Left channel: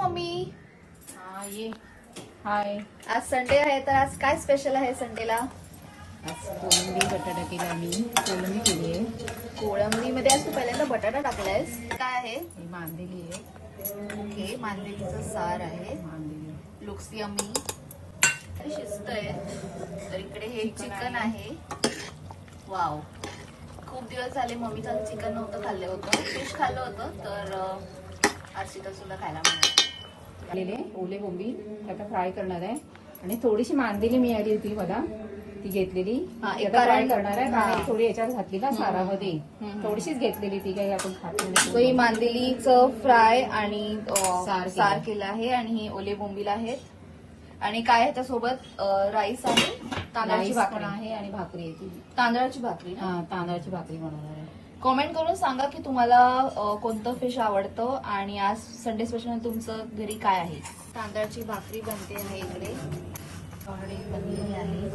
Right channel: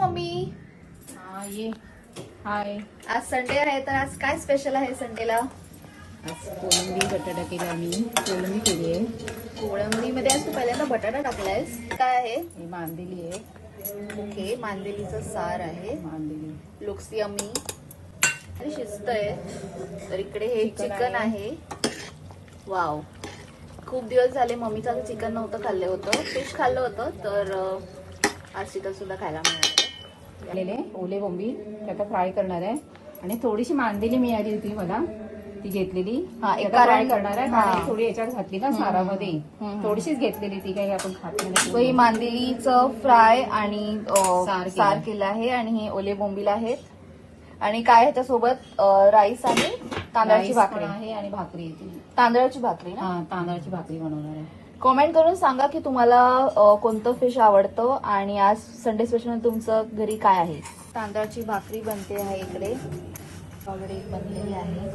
Mummy हा ये. हाय. आज संडे आहे तर आज काय स्पेशल आहे संडेला? आज कोलंबी बटाटा केला मी. कोलंबी केली आहे. कोळंबीमध्ये आज तू पहिल्यांदा बटाटा टाकलायस. काय आहे? ही मांदेली आहे. ओके, मांदेलीचं सार आहे. मांदेली लुक्स यम्मी आणि शिजतंय. तर इकडे हे चिकन आहे. वाव, खूप दिवस झाले मम्मीचं चिकन नव्हतं खाल्लं होतं. फिश खाल्लं होतं तर आज चिकन सुद्धा खायला मिळालं. आलेले ओले बोंबी त्याचा फ्राय करणार आहे. आणि थोडीशी मांदेली मिळाली होती मला, ती घेतलेली. हा, एक फ्राय कारण करणार आहे. हा. आणि थोडी याच्यात घातली ना सारामध्ये. थोडीशीच घेतलेली, ती काही आपण खात ही नाही. मांदेलीचं फ्राय आणि सार सार केलं आहे. आणि हे ओले बोंबील आहेत. आणि काय आहे त्यासोबत राईस आणि तांदळाची राईस पण भाकरी. आहे आणि भाकरी आहे ती. तांदळाची भाकरी ना? हा, तांदळाची भाकरी बनवणार आहे. कमेंट करून सांगा की तुम्हाला कोणतं फिश आवडतं आणि आज संडे स्पेशल तुमचं घरी काय आहे. तांदळाची भाकरी बनते आहे इकडे, ऑलरेडी बनलेली आहे.